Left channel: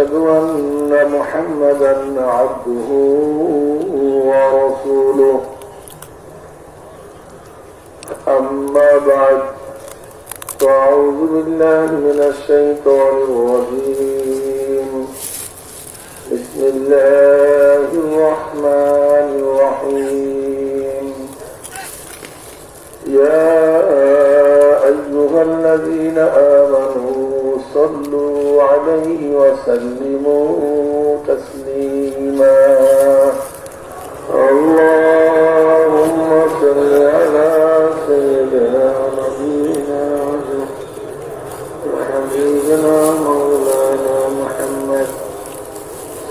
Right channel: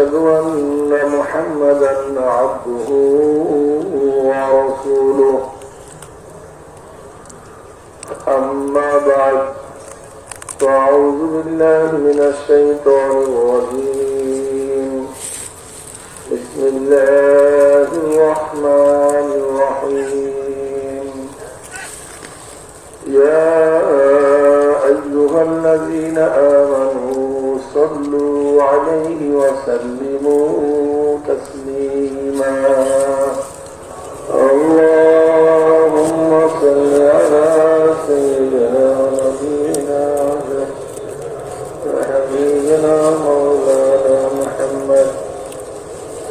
وأشهد أن محمدا عبده ورسوله أما بعد فأعوذ بالله من الشيطان الرجيم بسم الله الرحمن الرحيم يا أيها الذين آمنوا صلوا عليه وسلموا تسليما اللهم صل على سيدنا نبينا وحبيبنا مولانا محمد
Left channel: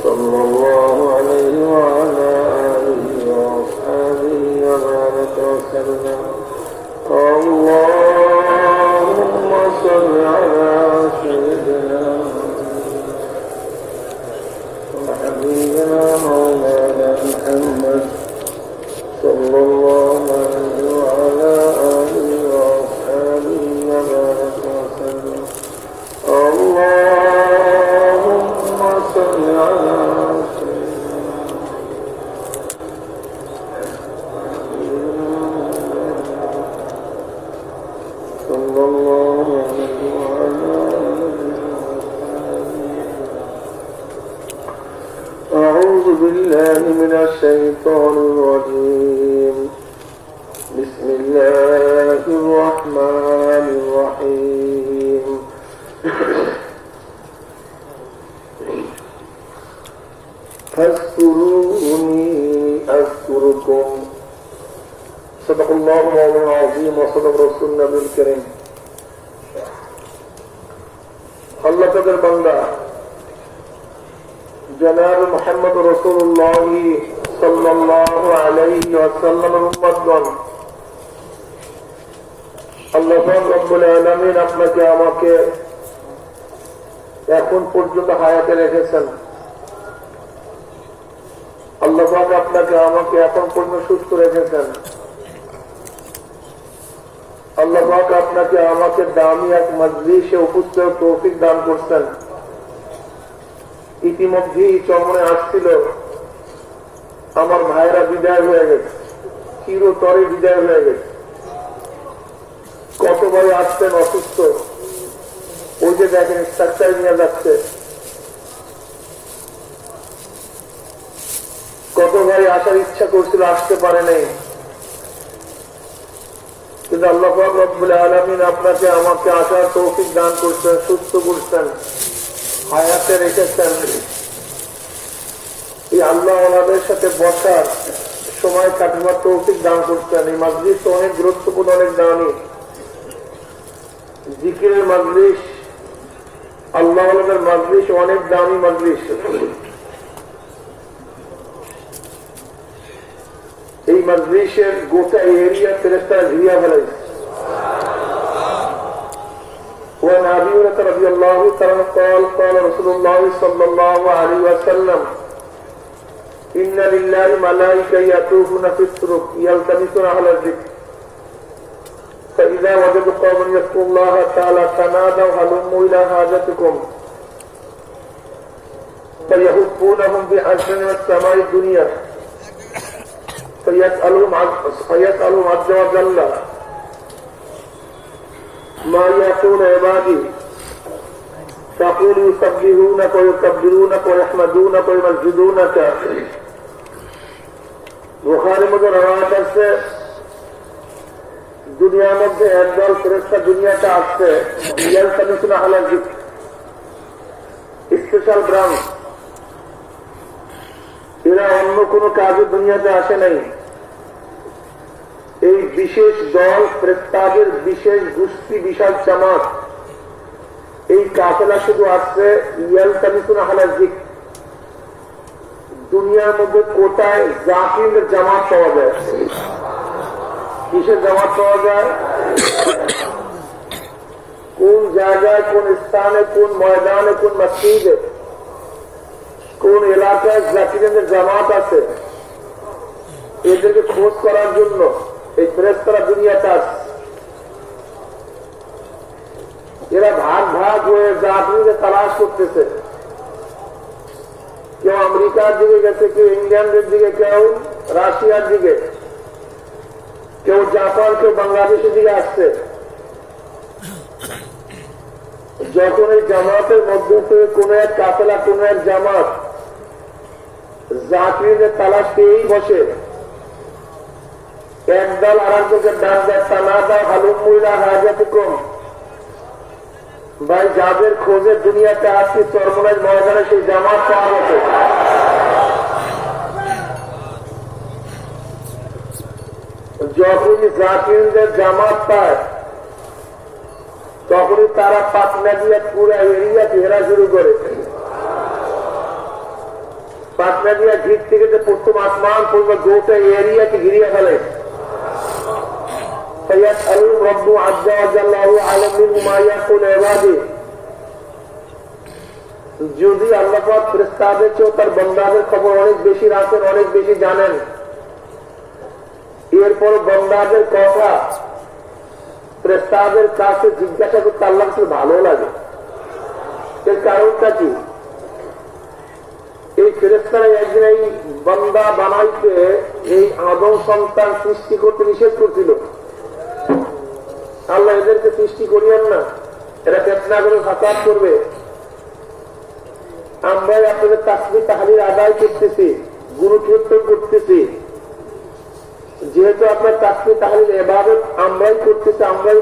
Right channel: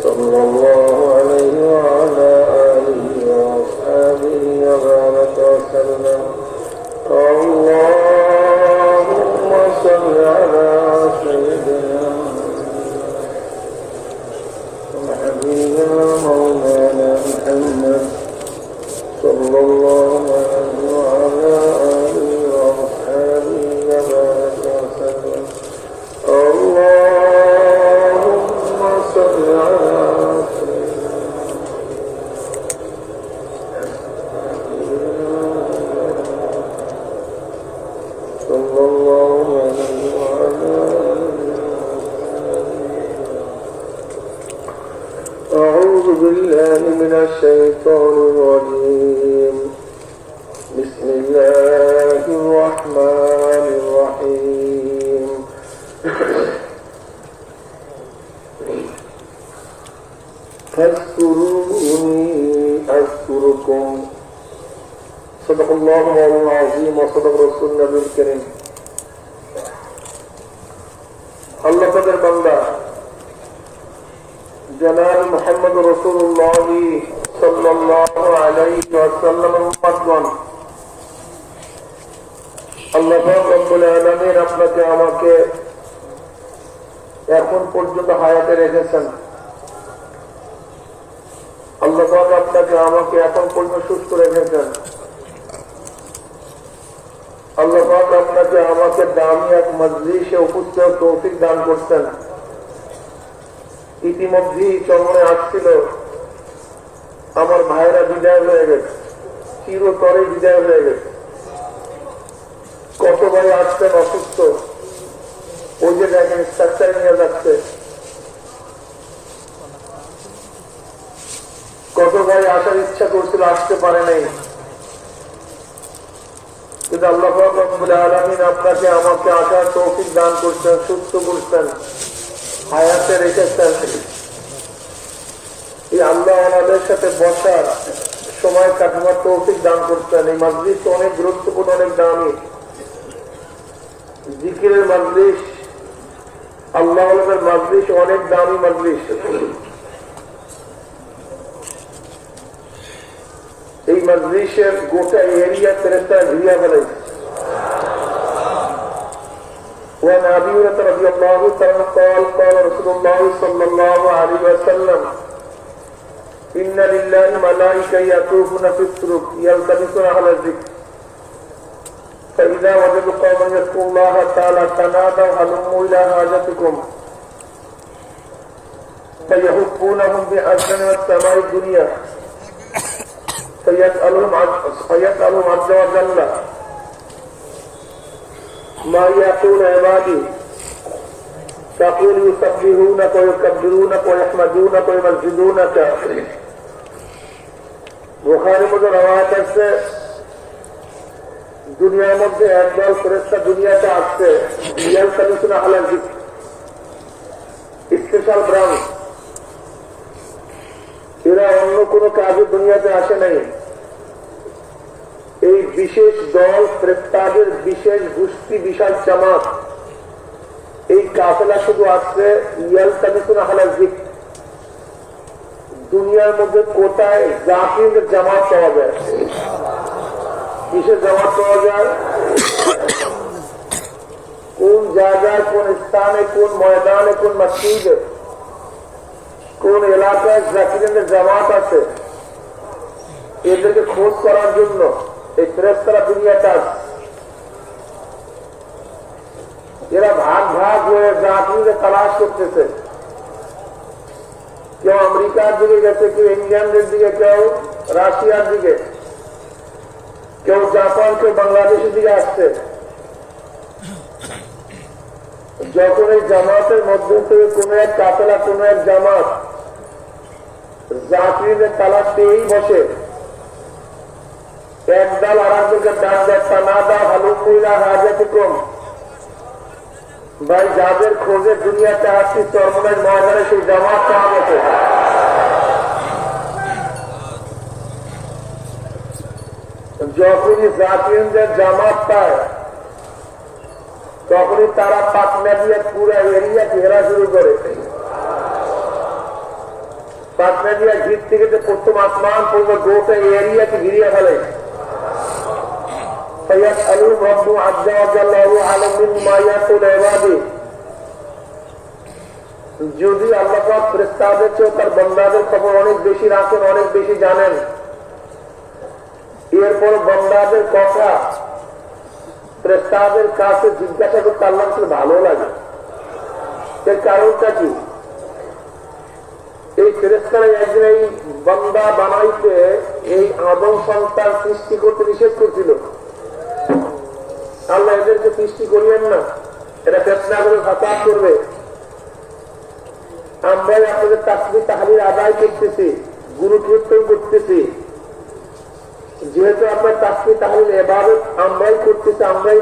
صلى الله عليه وعلى آله وأصحابه وبارك وسلم اللهم صل على سيدنا وحبيبنا مولانا محمد صلى الله عليه وعلى آله وأصحابه وبارك وسلم اللهم صل على سيدنا صلى الله عليه وعلى أعوذ بالله من الشيطان الرجيم بسم الله الرحمن الرحيم فاذكروني أذكركم صدق الله العظيم وصدق رسول النبي الكريم الله قدر بندا جناب محمد رسول الله صلى الله عليه وسلم المقدم الله رب العالمين আপনাকে আমাকে এখন পর্যন্ত হায়াতে রেখেছেন আল্লাহ পাক আপনাকে আমাকে এখন পর্যন্ত সুস্থ রেখেছেন আল্লাহ পাক আপনাকে আমাকে দামি এক মজলিসে উপস্থিত তৌফিক দান করতেন ইতিমধ্যেই চমনে আসছিল আমার ভাইরা বিদায় হয়ে গেছে চিরতরে বিদায় হয়ে গেছে কত বড় আসতেন অসুস্থ ওই যে দেখেন স্ট্রাকচার নিয়ে যাচ্ছে কত ভাই আসার ইচ্ছা করছিল আসতে পারে নাই কিন্তু আল্লাহ পাক রব্বুল আলামিন আপনাকে আমাকে আসার তৌফিক দান করছেন সুস্থ করছেন হায়াতে রেখেছেন এই আল্লাহ আমাদের সাথে বসার সময় কাটানোর তৌফিক দান করছেন এই মজলিস অনেক গুরুত্বপূর্ণ অনেক দামি জিকিরের মজলিস আল্লাহর মজলিস অনেক দামি মজলিস এই মজলিসের গোটা এরিয়া ফেরেশতারা ঘিরিয়া ফেলেছে وعن أبي هريرة رضي الله تعالى قال قال رسول الله صلى الله عليه وسلم إن لله ملائكة يطوفون في الطرق يلتمسون أهل الذكر فإذا وجدوا قوما يذكرون الله تعالى تنادوا هلموا إلى حاجتكم فيهفونهم بأسنان السماء الدنيا فيسألهم عز وجل ما يقول عبادي تقول يسبحونك ويكبرونك ويحمدونك ويمجدونك বুখারী মধ্যে রওয়ায়াত আছে দুনিয়ার মধ্যে একদল ফেরেশতা দুনিয়াতে আসছে ইয়ালতামিসুনা আহলাল যিকর স্পেশাল ব্রাঞ্চ এরা অন্য কোনো কাজে দুনিয়াতে আসে নাই এই বিশেষ দল ফেরেশতাদের বিশেষ গোষ্ঠী বিশাল জামাত এই কাফেলা শুধু আসছে ইয়ালতামিসুনা আহলাল যিকর দুনিয়ার মধ্যে কোটায় জাকিরের জামাত পাওয়া যায় কিসের জামাত পাওয়া যায় কোন জায়গায় কোন স্থানে কোন ময়দানে কোন মসজিদে কোন এলাকায় জাকিরের জামাত আছে এদেরকে খোঁজ করার জন্য এই ফেরেশতারা দুনিয়াতে আসে এরা ভাগ ভাগ হয়ে জাকিরকে তালাশ করতেছে আমেরিকার দিকে গেছে, কেউ ইংল্যান্ডের দিকে, কেউ রাশিয়ার দিকে, কেউ জাপান, কেউ বাংলাদেশের দিকে আসছে। যখন এই জামাতের মধ্যে থেকে কোন এক কাফেলা, কোন এক জামাত জাকিরদের তালাশ পেয়েই বসে, একদল আর একজনকে ডাক দেয়, তালা দা ভালো মহিলা হাজাতে কম, ভাই যাদের খোঁজে দুনিয়াতে আসছি চরমনের ময়দানে সেই জামাত পাওয়া গেছে। যখনই জাকিরদের জামাত পায় তখনই তারা পাটনা দিয়ে পুরো এরিয়া ঘেরা শুরু করে। পাটনা দিয়া ঘির থেকে প্রথম আসমান পূর্ব গোটা এরিয়াকে ঘিরিয়ে ফেলে। যদি আল্লাহ পাক ফেরেশতাদের চেয়েও তার বান্দাদের খবর অনেক বেশি রাখেন, অনেক বেশি জানেন, এরপর বান্দাদের কথা ফেরেশতাদের কাছে জিজ্ঞাসা করতে আল্লাহ ভালো লাগে। এর কারণটা কি? এই ফেরেশতারা একদিন এই বান্দা বানাইতে এই আদম সন্তান সৃষ্টি করতে নিষেধ করছিল। আল্লাহ এদেরকে সৃষ্টি করিয়েন না, এরা ফেতনা করে ফাসাদ করবে। আমরাই আপনাদের তাসবিহ তাহলিল আদায় করতেছি, গুরু কীর্তন করতেছি, যেহেতু আপনার তাসবিহ তাহলিল ইবাদত আমরাই করতেছি, আমরাই